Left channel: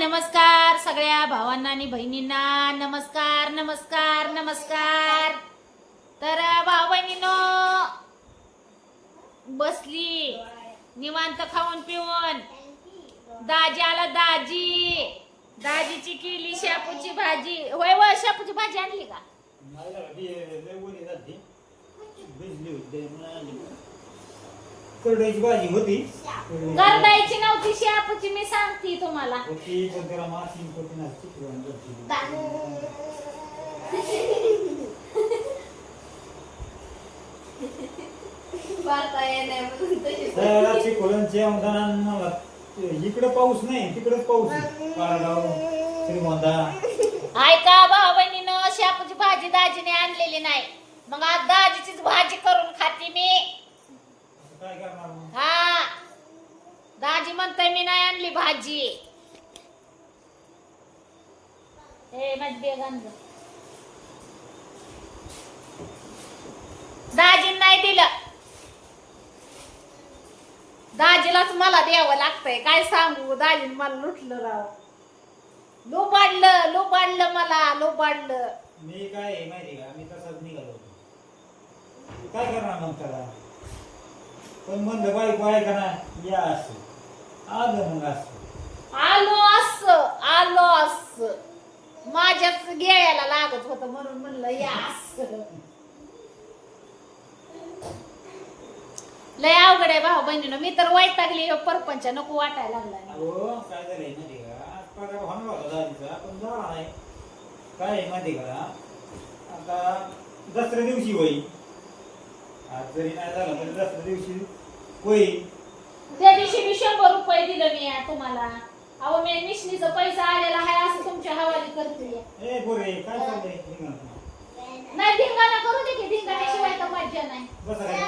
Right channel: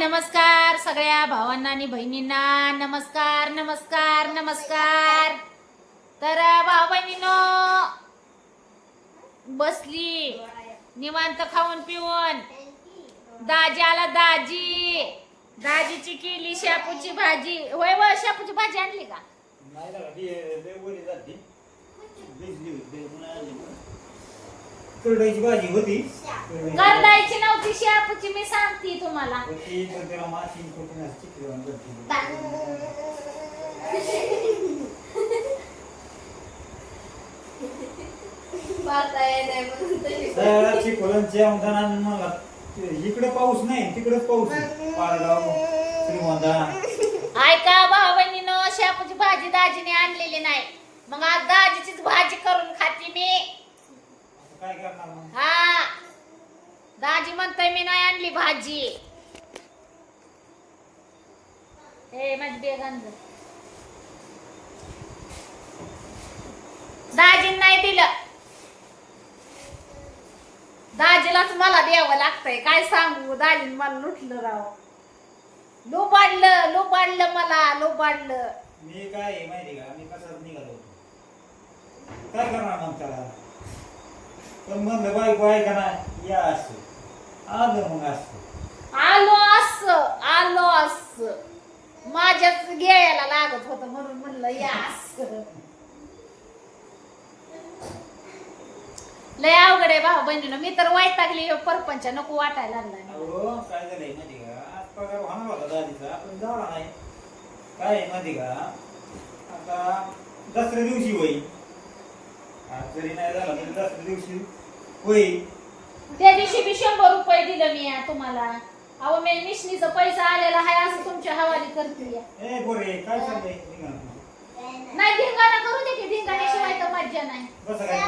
नमस्कार सगळ्या भावांना आणि बहिणींना. नमस्कार नमस्कार नमस्कार. तर भाऊ बहिणीनो बसली. निवांत खाऊन पिऊन. दाजी आला दाजी. दाजीची केली शापूची भाजी. होय व शापूची भाजी आणली का नाही लागा, ती लय ओली झालती. भिजली होती लय म्हणून आणली. करडईची भाजी होती. करडईची नव्हती शापूची मी सांगते तुम्हाला. होती पण त्याला माशी होती ना चिकली वाणी करते. त्याला चिकोलन जेवणदाना मला इकडे पाऊस नाही तिकडेच पाऊस. पाडगाव ऐका भाऊ बहिणीनं शापूची भाजी दाजीने आणलेली नाही. मग आज दाजीचीच भाजी करून खाते मी आता काय करणार मग हा. दाजी म्हणतोय मी नाही आणली भाजी. ए माझी बेग. दाजीन नाही दिलं. दाजीलाच मला द्यावं लागतंय. काय सांगू? दाजीन मला लुटलं राव. लुबाडलं लुबाडलं मला लुबाडलं. मी काय माहिती का? मी कसाच निघालो. काय करणार मग त्याला? पण म्हणलं बायको आहे का नाही या असं आलो मग असं आलो अस आलो. अस माझ्याच घ्यायला लागत होत म्हणून म्हणलं या अस लय अवघड आहे भाऊ बहिणीनं मी तर वैतागली ह्यो परपंच नको वाटायला लागला अहो काय झालंय माहिती का आज पगार होणार होता दादीचा पण झाला नाही काय आहे माहिती का आता दसऱ्या दिवशी होईल आज जरी नाही झाला तरी दसऱ्या दिवशी होईल त्या दिवशी मी शंभर रुपये दिलं मी या तुम्हाला. अहो मी मिशनीचा पैसा आलेला आहे असं तुमच्या हवाली करते ए गोरे काय चाललंय निघा. नाही धिंगाणा करू दे की धिंगाण्याशिवाय तर मज्जा नाही. बसा काय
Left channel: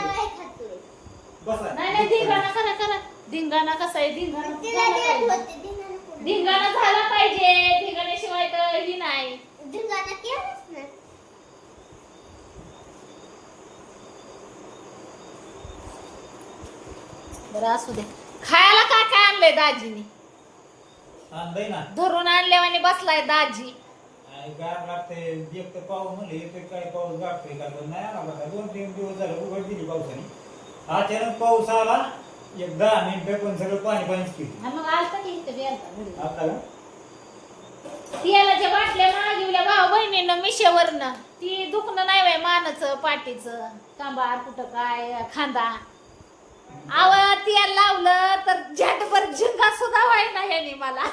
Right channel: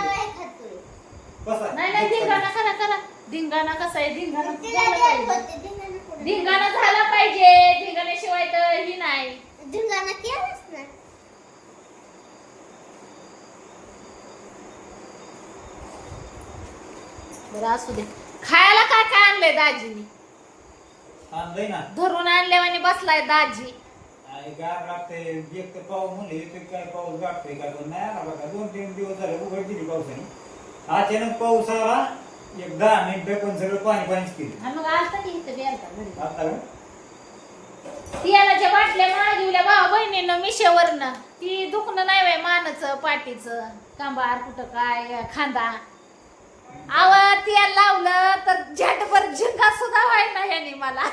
बसा. नाही नाही धिंगाणा करा करा. धिंगाणा कसा आहे? धिंगाणा झाला पाहिजे. धिंगाणा झाला पाहिजे. धिंगाण्याशिवाय तर ही नाही. बरं असू दे. खायला काय काय आणलंय दाजीनी आणलंय ना. धरून आणल्यावानी बसलाय दाजी. आणि गार लागते. एक तर पाऊस म्हणले ते काय पाऊस गाठतोय का? पण नाही आला बघा. दोन तीन दिवस झाले उघड दिली पावसाने. अचानक पाऊस आला एक दहा मिनिटं पण सगळं पाणी पाणीच केली आणि मग आलता की इथं द्यायचा घरी. आता का? तेलाच्या बाटल्या मागिवल्या भाऊ बहिणीनं मिशेवरनं ती दुखणं नाही वय मानचं पाठीचं. कांबार कुठं काय खांदा. आव तेल लावलं तर झटभर झिंगा सुद्धा व्हायना ह्याने मला.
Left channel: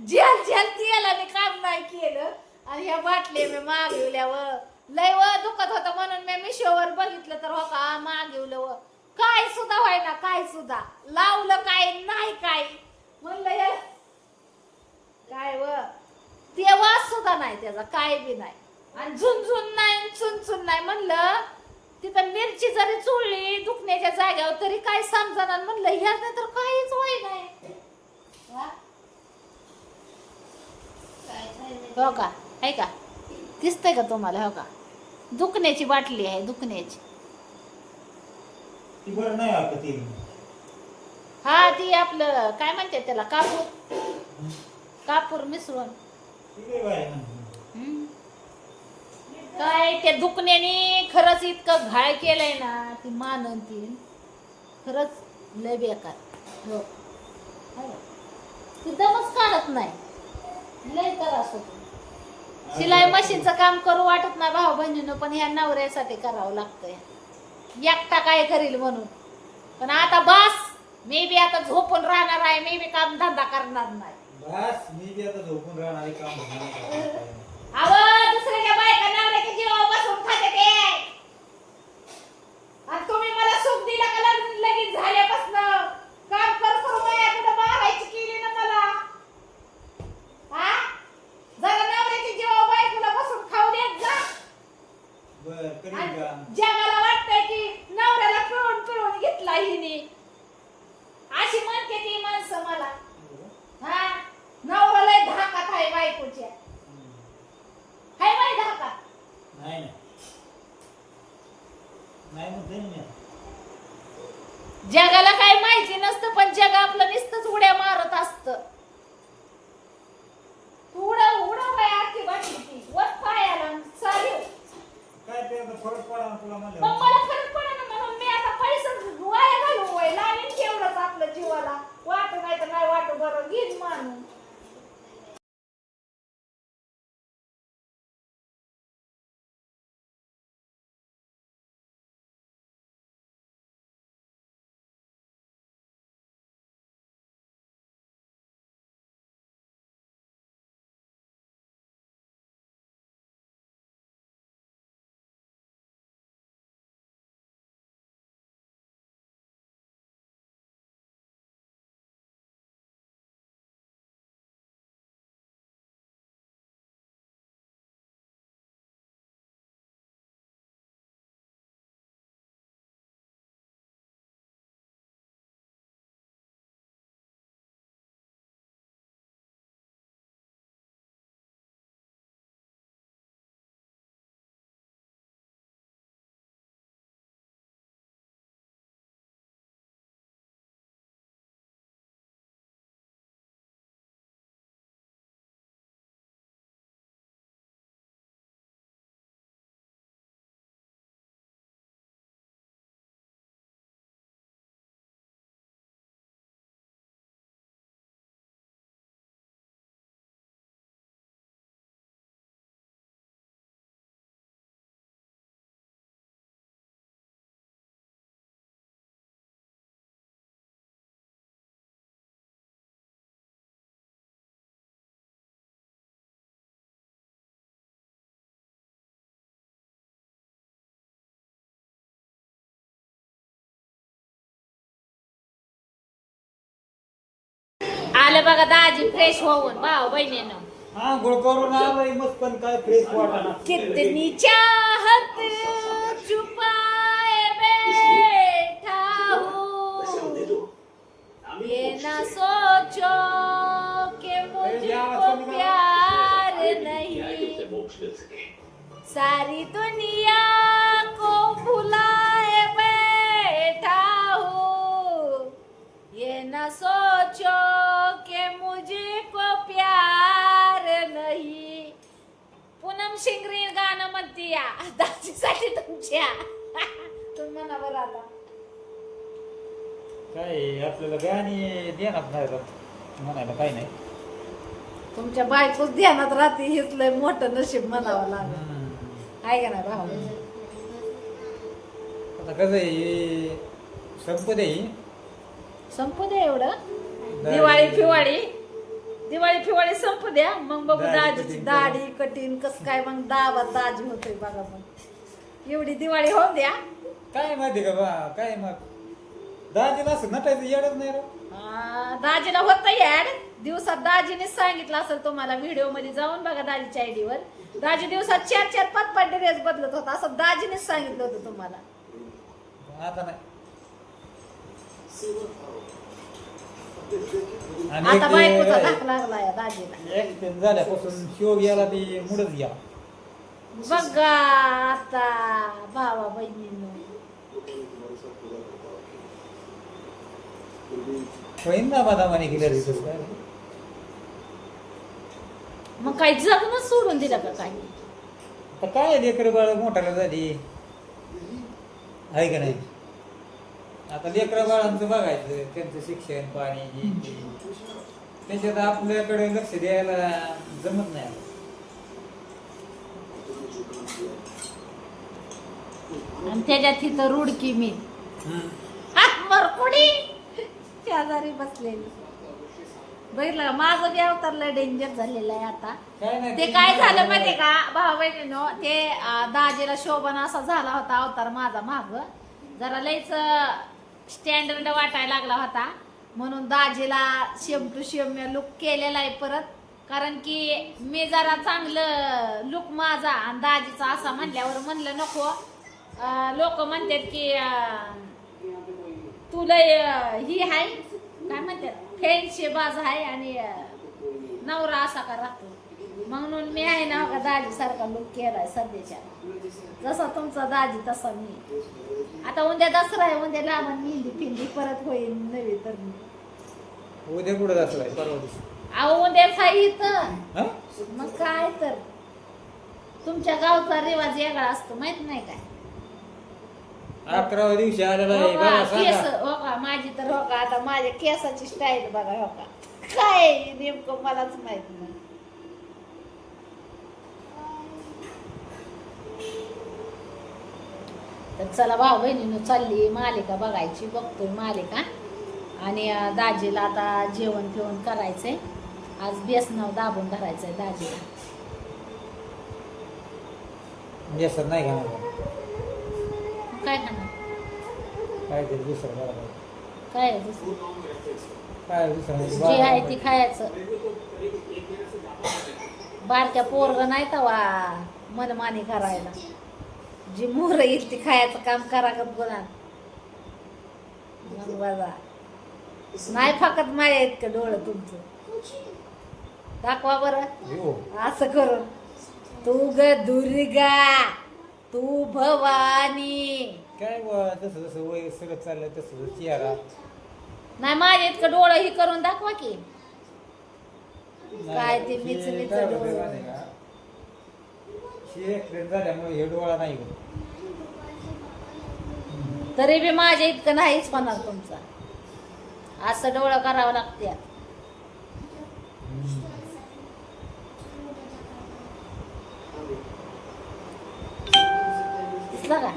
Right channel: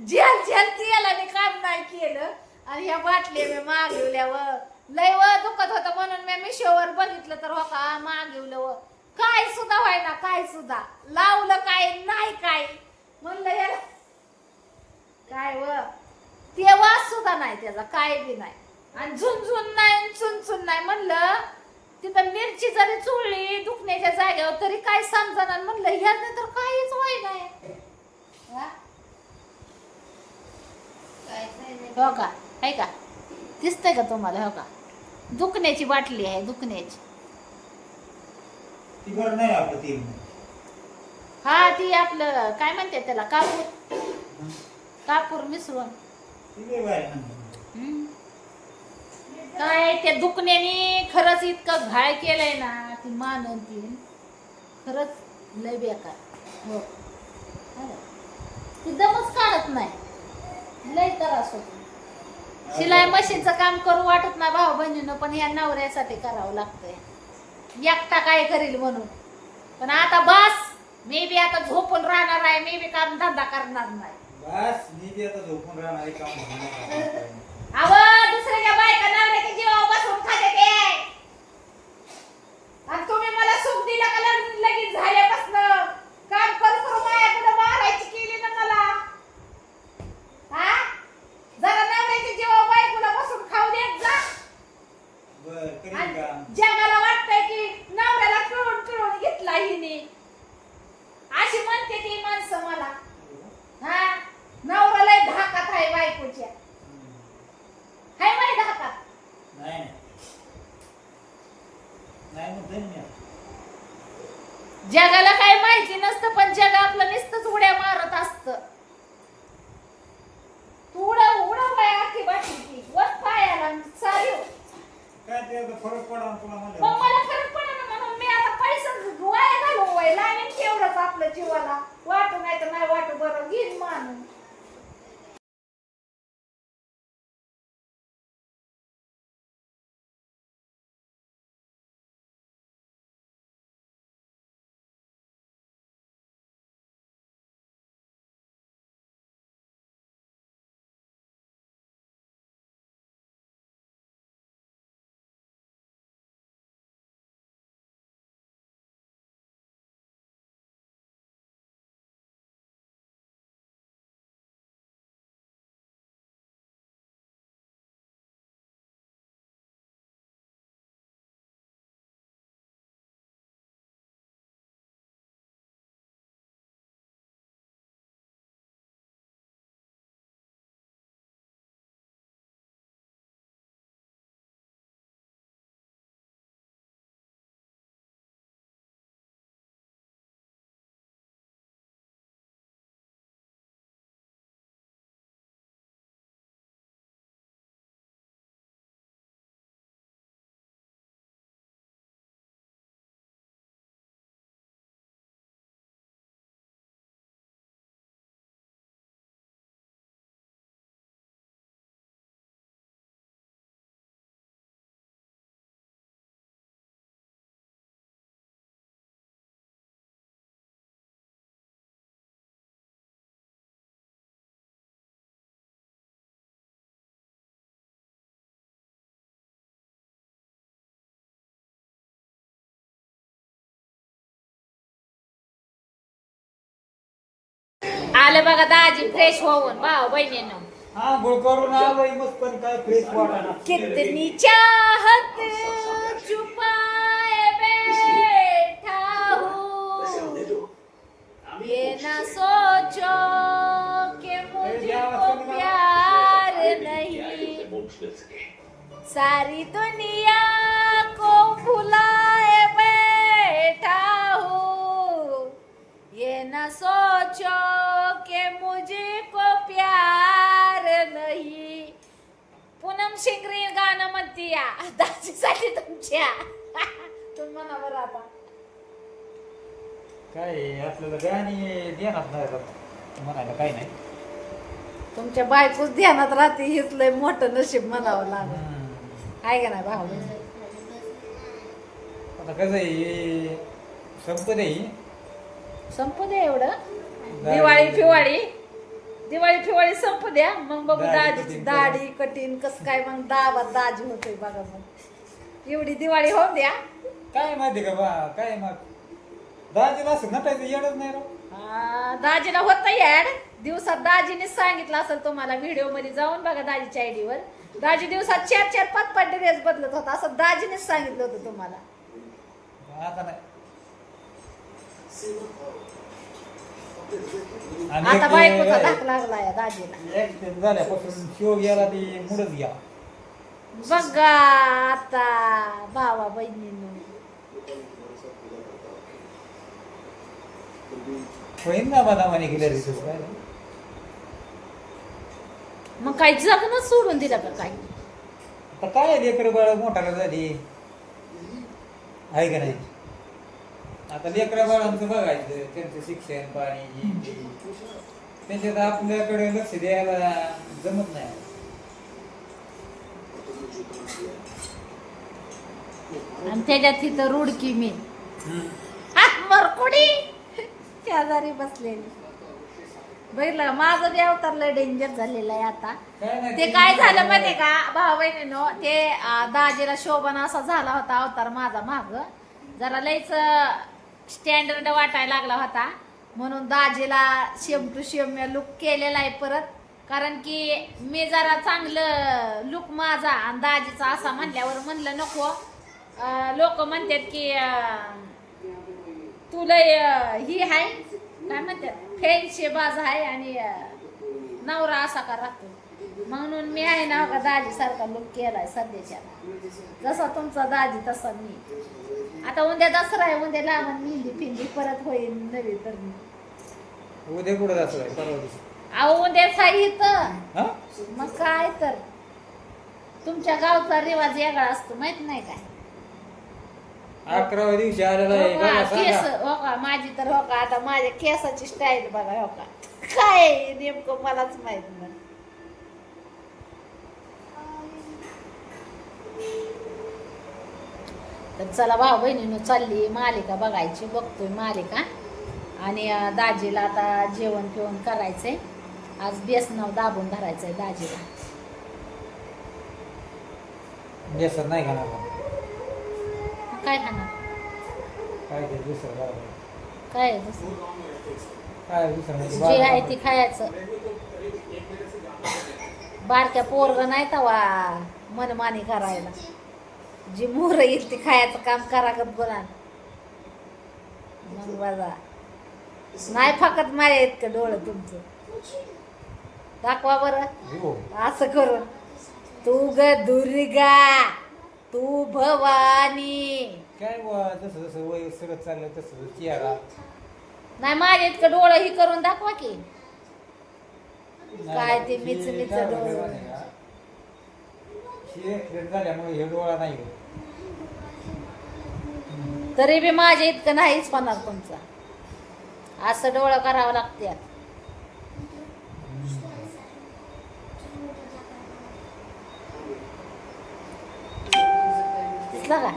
झेल झेल मी काम नाही केलं. आणि ह्या बाटल्या मी मागवल्या व लय व दुखत होतं म्हणून मी मिशोवर बघितलं तर हो का मागवलं व. काय सुद्धा व्हायना काय सुद्धा. लावलं काय नाही काय. म्हणलं याला काय व? ते वास सुद्धा नाही त्याचा काय बी नाही. आणि झुंझुन नाही चुनचुन नाही. म्हणलं तिथं मिरची जरी चुळली दुखण्याच्या जाग्यावर तरी काय समजणार म्हणलं ह्याने तर काहीच वाई नाही हा? हो का? आहे का? दिसतंय का तुम्हाला? हो का? दुखण्याची बाटली आहे दुखण्याची. ती बरं नाही आपलं ती. हा ती आपलं काय म्हणते त्याला? कापूर. कापूर मिसळून. ती लय बाय ना. हम्म. काय त्या दुखण्याने खरंच इतकं घाय केलंय ना ती मानन ती. खरंच लय बेकार. हो. ती दमच काढत नाही. लय त्रास होतो. शिलाई मशीनचं काम करू वाटत नाही भाऊ बहिणीनं पण ह्या नवऱ्यासाठी करावं लागतंय. एकटा काय करील म्हणून? पण आता बस! मी बी आता झोपून राहणार आहे मी बी काम धंदा करणार नाही. बस मी बी आता झोपून राहणार आहे, काम हा? जगाला वाटतंय की नवऱ्याला पिळून पिळून घेतला हिने. अशी म्हणते ती माणसं मला. हा? नवरा लय धाकात आहे बायकोच्या. नाही नाही. म्हणतोय जगाला काही माहिती नसतं पण जग आपलं नुसतंच उड्या मारत असत. उडा उडा बाय आखी बाटली वत पायाला चालू. मग मला फरक पडा ना म्हणून मी आता पैसा वाया घालू वय लागेल केवढंच आपलं जीवाला. वाट नाही तर नाही वाट बरं घेईन मानून आलं बघा दाजी फ्रेश होऊन भाऊ बहिणीनं. आंघोळ करून आलोय मग पण काय फ्रेश वाटाणा कितनी चाहत छुपाए बैठा हूँ ये ना सोचो कि मुझको प्यार नहीं। सारी दुनिया को भुलाए बैठा हूँ ये न सोचो कि मुझको प्यार नहीं. पूनम शिंगरी गाणं म्हणती या दाजीसाठी तुमच्या. तुम्ही म्हणा बरं आता. काय आपल्याला गाणी देणार नाही. म्हणायला काय नाही. तुमच्या बायकोच ध्यानात राहते हेच लय मोठं नशीब म्हणावं लागलं. हम्म. आहे का नाही भाऊ? आता कसं आहे हे संपत आहे. संपू द्या एवढं? दिवाळी फिवाळी? दिवाळी फिवाळी संपू द्या. मग बघू दाजी दाढी कठीण कस काय मग दाबा दाजी होतोय बघा मग. एवढी दिवाळी होऊन द्या. काय माहिती का बा काय मग? दाजीला असं नटायचं येडच नाही राव. आ, दाजीला होत ऍड. दिवसात दाजीनेच सांगितलं असेल तुम्हाला व्हिडिओमध्ये जाऊन बघा दाजीच्या आयडीवर दाजी दिवसात चार चार पाच पाच ड्रेस बदलत होता असं दाजीनेच सांगितलं होतं तुम्हाला. आता नाही. आणि आता एक बायकोचा काय, धाक लागला या दाजीला. accident झाल्यापासून शिव गेला ती मुडच गेला. बघा आता भावा बहिणीनं. होईन ना बदामाने रे काय नाही. मग जगणं सोडून दिलं का काही? आता काय लेकर बाळ मोठाला झाली? आहे का नाही? आता लेकरा बाळांचं बघायचं त्यांचं शिक्षण पाणी. त्याच्यात आपल्याकडे लक्ष द्यायला जमत नाही. आणि त्याच्यात तिथं रुडकी मी. मरकुडी शेजारी बसलेली. बघितलं? माझं बी अवतार लय डेंजर झालेलं आहे आता. ते काय झालं माहितीये का? भाऊ बहिणीनो ते दाजीला शोभन असा झाला होता अवतार माझा माग. जरा लयच स्टँडर्ड वाटायला लागला होता. म्हणून दाजीला शेम टू शेम लुक केलेला आहे परत. कारण की मी जरा चांगलं लुक माझा आणि दाजीचा असा म्हणल्यावर म्हणलं नको. लोक म्हणतात की तुला लय ही आहे. काय म्हणतात? फ्रेंडशे बाज आहे आणि नवरा असा का राहतो? म्हणून मी आहे ना का दाजी सारखा लुक केलाय सध्याच्या. जसा तुमचा दाजी तसा मी. आता उद्या दसरा आहे उद्या लावण मेहंदी फिंदी परत होईल नवी तर उद्या कुठं जातो आहे? परवा दिवशी. अहो उद्याच आहे इथं? हा? मग काय तर. तुमच्या गावचा रिवाज वेगळा असतो माहीत नाही काय? अकराव्या दिवशी आलेला आहे हो का, बघा केस सांगा हो का? माझी तर हो का? आता माझ्या केसाची स्टाईल बघा हो का? काय नेमकं मलाच माहीत नाही. तर चला भाऊ बहिणीनं चालली मालिका बघायची बघतोय मालिका. आणि दाजीला आता जेवण फिवण करायचंय. आज बेसनाव दाबून धरायचंय दाजीला. बेसन नाही खाणार? काय खाणार? काय ते दुसरं बरोबर काय आहे दुसरं? काय दुसरं? जे आहे ती खायचं. बारक्या पोरग नाही तवा मनमानी करायला. जी मोर येईल ती खायचं काम करा का बोला मग बघा. नाही फकत माझ्या इतकं डोळं तुमचं. दाखवा बरं. हो. असं करून. तू ग दुर्गा तू भवानी. काय बुवा, जसं जसं वय सगळं चाललं तसं तसं चेहरा. नाही माझ्या इतकं डोळं ही करून दाखवा की. काय ते काय होतं डोळं. हे झाल्यामुळे हे डोळा नाही. तरी बी माझ्या इतकं नाहीच होणार तुमचा. असं डोळं करावं लागते दिसलं का?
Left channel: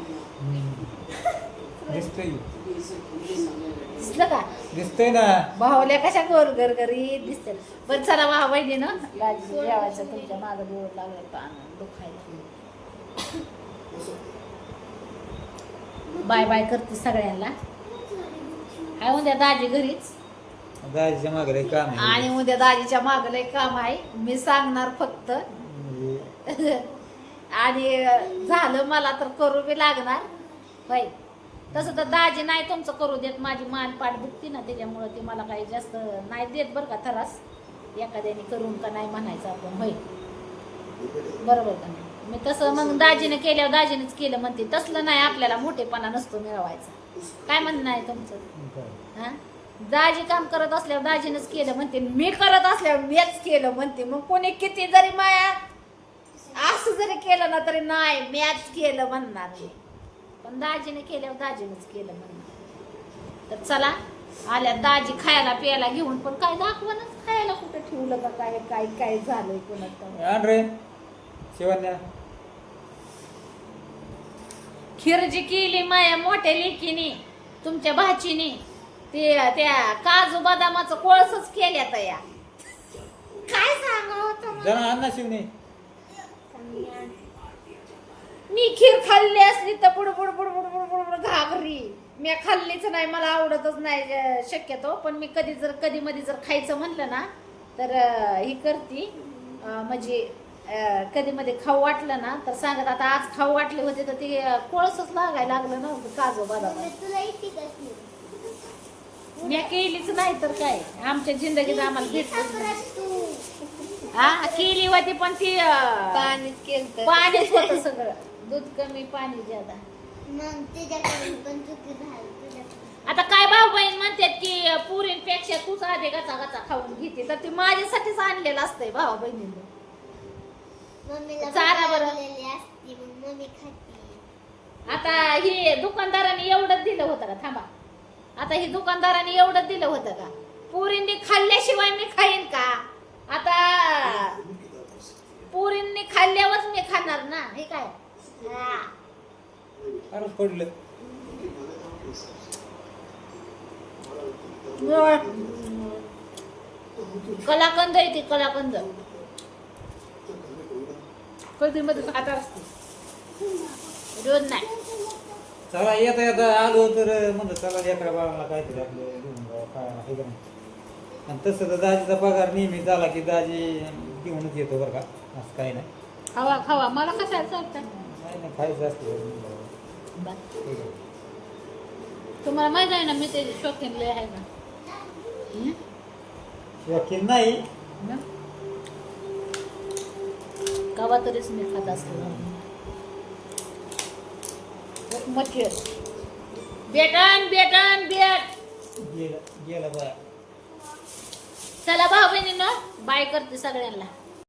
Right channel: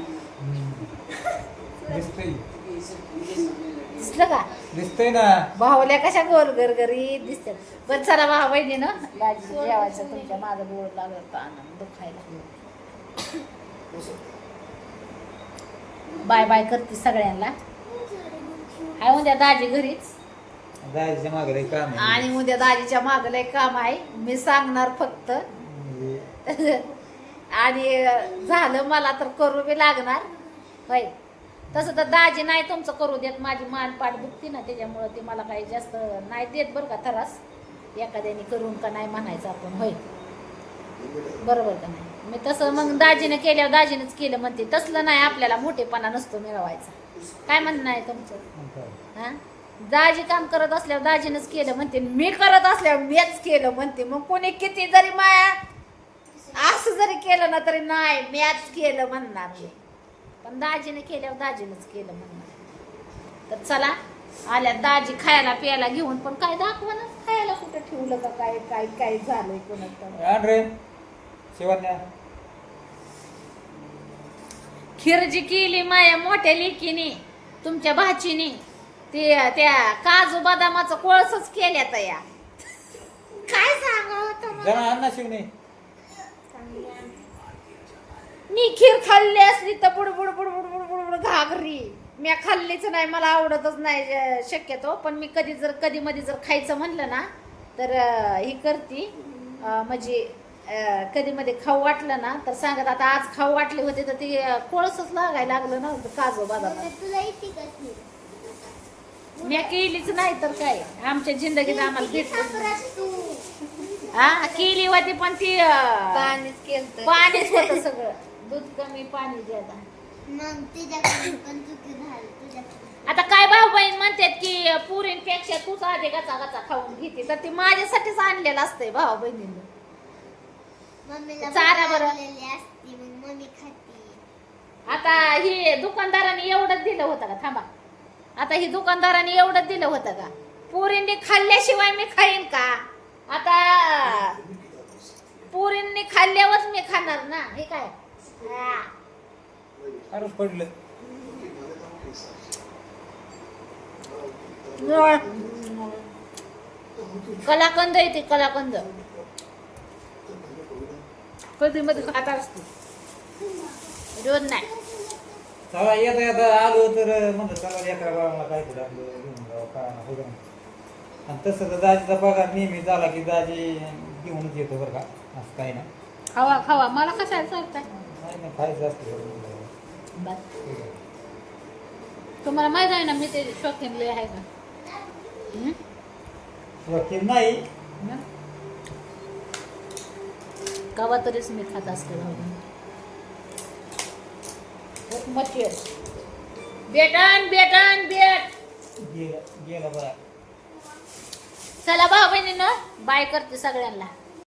दिसतंय. दिसलं का? दिसतंय ना. भावल्या कशा गोल गरगरी दिसतात बरं चला भाऊ बहिणी ना दाजी जेवायचं तुमच्या मागं डोळ लागलं होतं आनंद दुखायला बाय बाय करते सगळ्यांना. काय उद्या दाजी घरीच. जायचं मागं लय काम आहे. आणि उद्या दाजीच्या मागं लय काम आहे. मी सांगणार फक्त. म्हणजे? आणि झालं मला तर करू बी लागणार. होय तसं तर दाजी नाही तुमचं करू देत. माझी मान पाठ दुखती ना त्याच्यामुळं ते मला काही जास्त नाही देत बरं का त्रास एखाद्याने करून का नाही म्हणायचं आपण होय. बरोबर का नाही? मी तसं मग दाजीनं केल्यावर दाजीनंच केलं म्हणते. तसलं नाही आपल्याला मोठेपणा नसतो मिळवायचा. काय म्हणणं आहे तुमचं? मग दाजी काम करत असल्यावर दाजीनंच केलं म्हणते. मी करत असल्यावर मीच केलं म्हणते. मग कोणी किती जरी माया असं जरी केलं ना तरी नाही मॅच केलं म्हणणार मी. पण दाजीने केल्यावर दाजीनंच केलं म्हणणार तर चला आल्या दाजी खायला प्यायला घेऊन पण काय दाखवा ना खायला कुठं ठेवलं का काय काय काय झालंय कोणाचं? आण रे शिवण्या. खीर जी केली माया मोठ्या लेकीने तुमच्या भाचीने. ते त्या काजू बदामाचं कोळसच केल्यात या. काय सांगा जरा आण ना शिवणे. मी खीर खाल्ली असली तर बुडबुड बुडबुड बुडबुड बुड घागरी मी खाल्लीच नाही मला आवडतच नाही शक्यतो. पण मी कधी जर कधी मध्ये जर खायचं म्हणलं ना तर ही करती. म्हणजे कधी मध्ये खाऊ वाटलं ना तर सांगत आता आज खाऊ वाटले होते तर ते कोळसच लागायला लागलं ना काजू बदाम. मी केलीच नाही तर काय? आमच्या जिंदगीत आम्हाला भेटलं हा केली होती पण ती पाणीच केलं पाणीच होतं सगळं. दूध कमी पाणी ज्यादा. मग तिच्याकडून पण चुकी झाली तिच्याकडून. आता काय भाऊ बहीण म्हणतात की पुरींपेक्षा तूच आधी गचा गचा खाऊन घेते. तर ती माझ्यासाठीच आणलेलं असतंय भाऊ बहिणीनं. मम्मीला चारा बरं. बनवलेली असते मग मम्मी खाते. आता ही दुकानदाराने एवढंच दिलं होतं का? थांबा. आता ही दुकानदाराने एवढंच दिलं होतं का? पुरींनी खाल्ल्याशिवाय मी खाईन का? आता पुरींनी खाल्ल्यावरच मी खाणार ना? हे काय? फारच पडलं. कलाकंद येते कलाकंद. कधी मध्ये खाता असते. रोज नाही. चला येता येता आलो तर म्हणलं चला लेकरा बाळाला काय तरी आपलं घेऊन काय ना ना. आणि तसं तर दाजीचा पगार नेहमी झाला की दाजी घेऊनच येतो बरं का असं काही नाही. खावा खावा. मला कशाला सांगताय? बरं. तुम्हाला माहीत आहे ना मी ते शौकीन लय आहे ना? वकील नाही? कवा तरीच मी खात असते मटेरियल बेटन बेटन बेट गेला बघा चला भाऊ बहिणीनं बाय करते सगळ्यांना.